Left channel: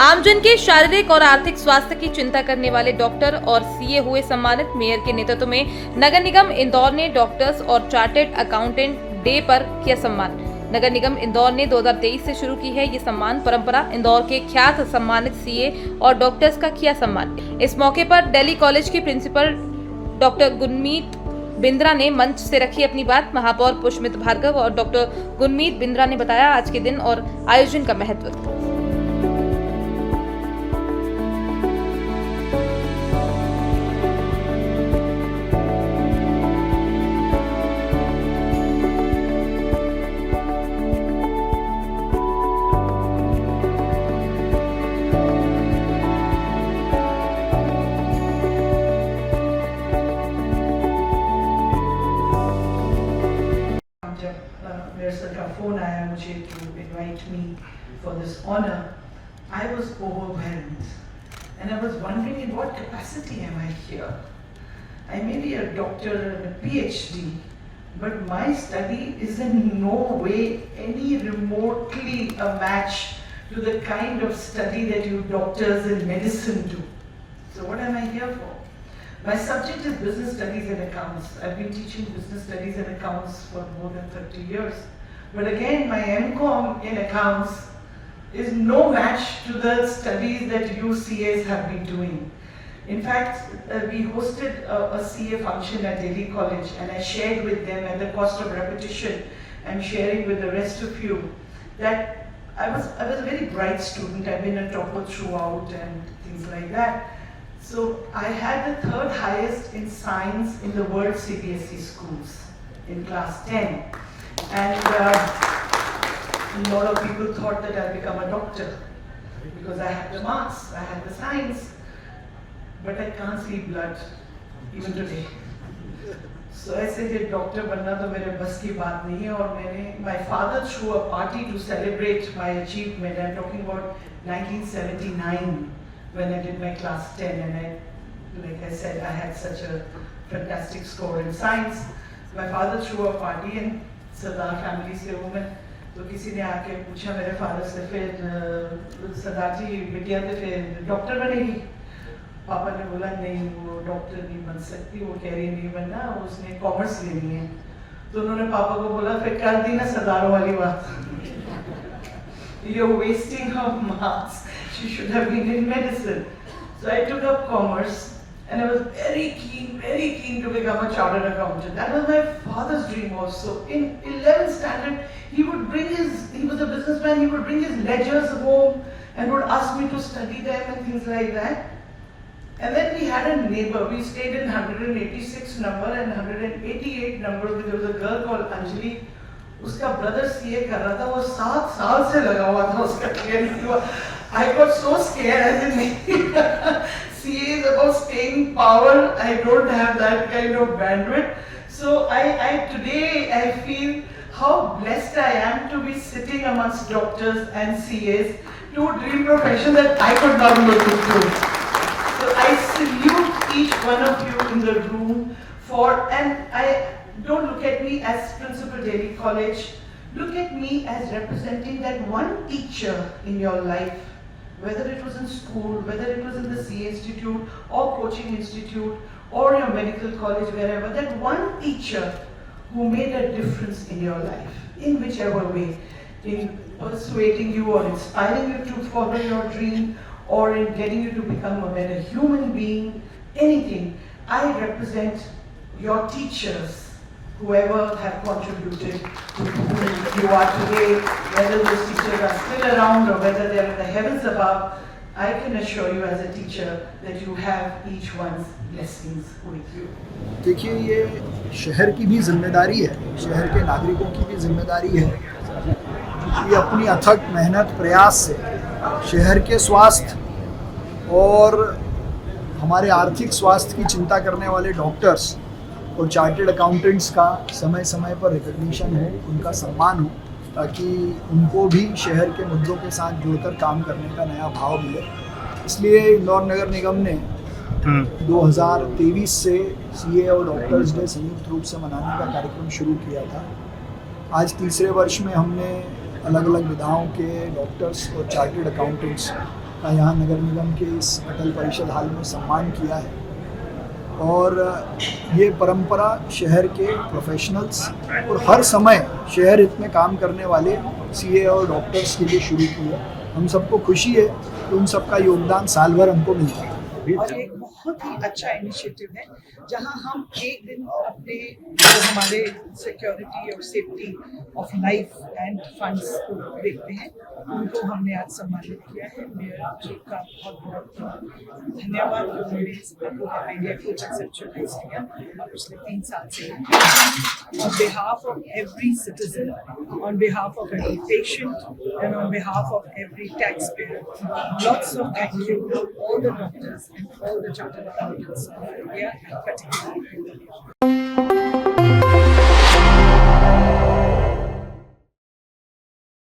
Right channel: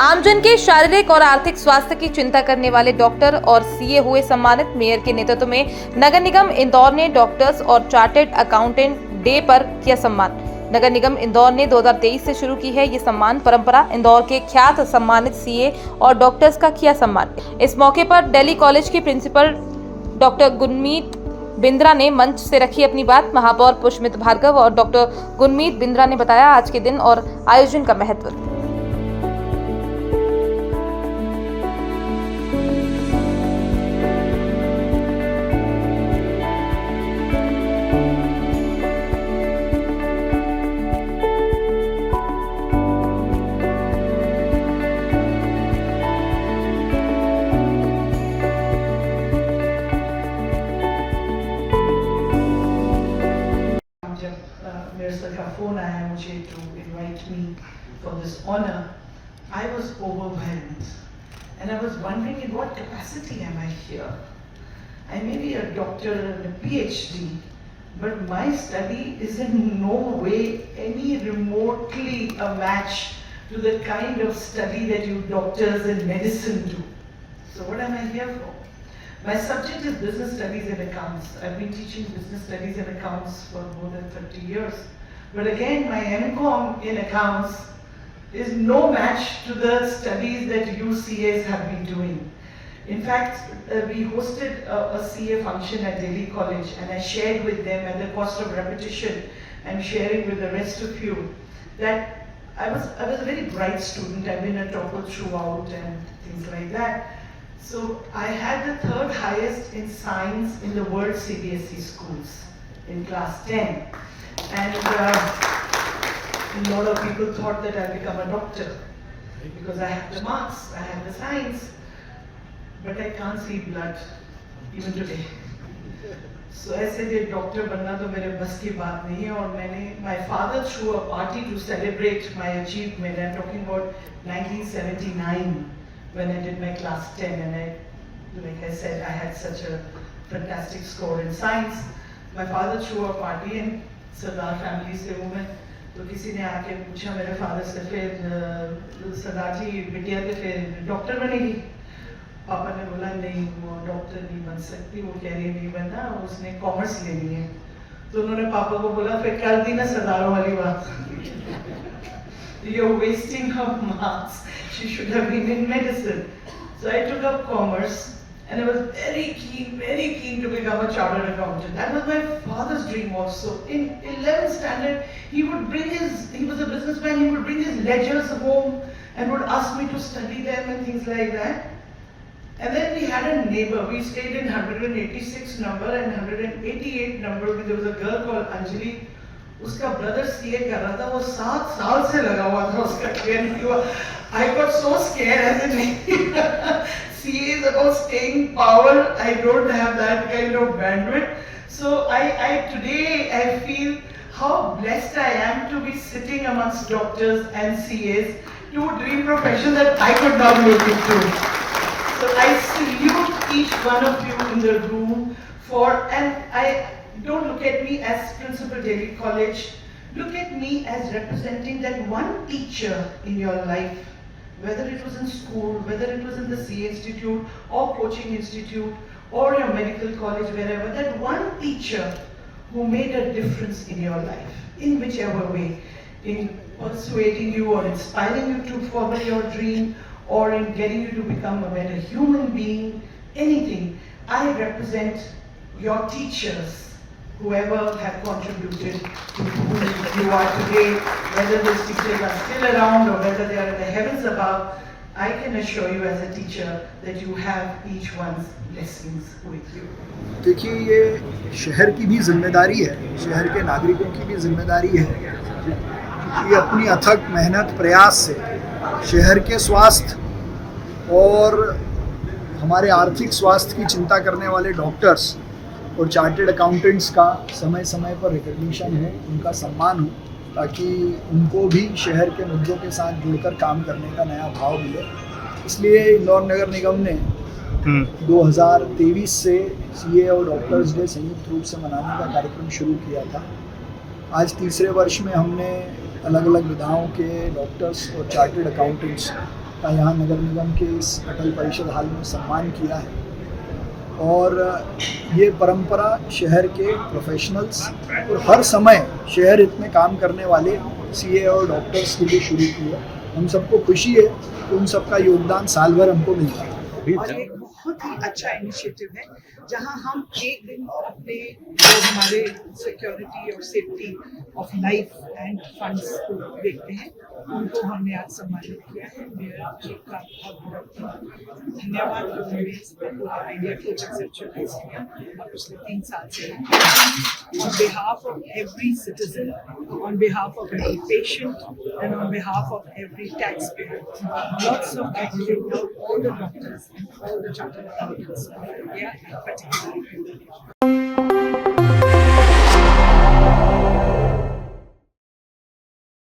आमजन के शारीरिक और आर्थिक स्वास्थ्य की चिंता करने वाले डॉक्टर और सीए हुए सम्मानित। मेयर के नेतृत्व में नगर निगम इंदौर ने डॉक्टर्स और चार्टर्ड अकाउंटेंट डे पर किया सम्मान। नगर निगम इंदौर ने 2023 से शुरू की है ये सम्मान परंपरा। इंदौर के ख्यात सम्मानित सीए और डॉक्टर्स का किया सम्मान। इस मौके पर दिल्ली कॉलेज की प्रिंसिपल डॉक्टर गुरमीत बिंद्रा ने मंच से रखी अपनी बात। महापौर पुष्मिता भार्गव और डॉक्टर गुरमीत बिंद्रा ने बताया आज के दिन और आयोजन का महत्व। मेरे से का फोन आया मुझे to invite me for this honor, I was overwhelmed and I was wondering in what capacity am I here. I may be a doctor and a PhD, but my study is in no way any remotely a match to the kind of study that you doctors in medicine do. So what am I here for? My subject is business studies and accounts. I've been teaching business studies and accounts for more than 30 years. But again, my MCom in accounts is no match to the studies that UCAs have been doing. In fact, we hosted a CA function at Delhi College and I shared with them at the cost of repetition and sharing with the rest of you that I was a very bright student. I've been a topper throughout and things like that. So I had the third highest in science in the world CBSE schools in class 10. And a lot of people thought that I'd become a doctor because I had the marks, I had the science, but I can't see blood even today. So ऐसे जो doctor बनना तो मेरे बस की बात नहीं है और मैंने my father threw a party to celebrate my achievement. I'm talking about 1979 when I did my class 10 and like I said, I had such a fantastic score in science. My father threw a party and Sardar family से हूँ मैं, तो किसी ने आके पूछा मेरे father से फिर सरदार जी बिटिया तो फिर डॉक्टर बनेगी। पापा ने बोला नहीं वो डॉक्टर नहीं बन सकती, वो कह रही नहीं बनना, उसने कॉमर्स लेनी है। तो उन्होंने पापा को बोला फिर कर दी ना सरदारों वाली बात। You're wasting her marks. She should have been in medicine. So I took up commerce and I was very keen to become a chartered accountant. That was my father's dream also. In 11th standard, he was a businessman, he would bring his ledgers home and would ask me to study them and things like that. And then we had a neighbor, we stayed in 186 number and 188 number, there was a girl called Anjali. उसका brother CA कर रहा था, वो 7 साल से लगा हुआ था उसका क्लियर नहीं हुआ. I got so scared as in CA is about staying power. I don't have that kind of bandwidth. So today I feel how blessed I am to be sitting amongst doctors and CAs, two dream professions that I could not make it through. So I salute each one of you in the room and I don't look at me as Principal Delhi College. Look at me as representing that one teacher in your life, whether it was in school, whether it was in the CA Institute or coaching institute or a medical college, wherever, that one teacher who made a difference in your life, in whichever way, in persuading you or inspiring you to follow your dream or in getting you to become a better human being, anything. I represent your teachers, whoever have contributed to who you are today, whether those teachers are still around or whether they are in the heavens above, I can assure you as a teacher that you have each one's blessings with you. देखिए ये शहर की भी जिम्मेदारी है, शहर के नागरिकों की भी जिम्मेदारी है कि अपनी अथक मेहनत प्रयास से शहर के स्वास्थ्य और हमारे आर्थिक स्वास्थ्य की चिंता करने वाले डॉक्टर्स और चार्टर्ड अकाउंटेंट्स का समय समय पर रिकग्निशन हो, उनका सम्मान हो, ताकि उनको भी शहर के मुद्दों के साथ जुड़कर काम करने का नया भाव मिले। इसलिए इंदौर नगर निगम ने 2023 से सीए और डॉक्टर्स डे संयुक्त रूप से मनाने का कार्यक्रम शुरू किया था। आज तीसरे वर्ष में हमने अलग अलग विधाओं के डॉक्टर्स और चार्टर्ड अकाउंटेंट्स का यहाँ नगर निगम के इस अटल परिषद हाल में सम्मान किया है। और ये परंपरा शहर के प्रोफेशनल्स और हर समय शहर हित में काम करने वाले सीए और डॉक्टर्स के लिए शुरू की है। हम सबको खुशी है कि उन सबका योगदान साल भर हमको मिलता है। और एक बहुत ही अच्छा इनिशिएटिव है जहां हम एक दिन अपने जो हमारे सिक्योरिटी और safety of life end funds को देखते हैं, उनको हमने आज सम्मानित किया है। मेयर जी का बहुत बहुत धन्यवाद, उन्होंने इस पूरे आइडिया को कंसेप्चुअलाइज किया और पिछले 3 साल से on behalf of every citizen, on behalf of every patient and on behalf of every taxpayer, lots of thank you to all the doctors and all the chartered accountants of India and particularly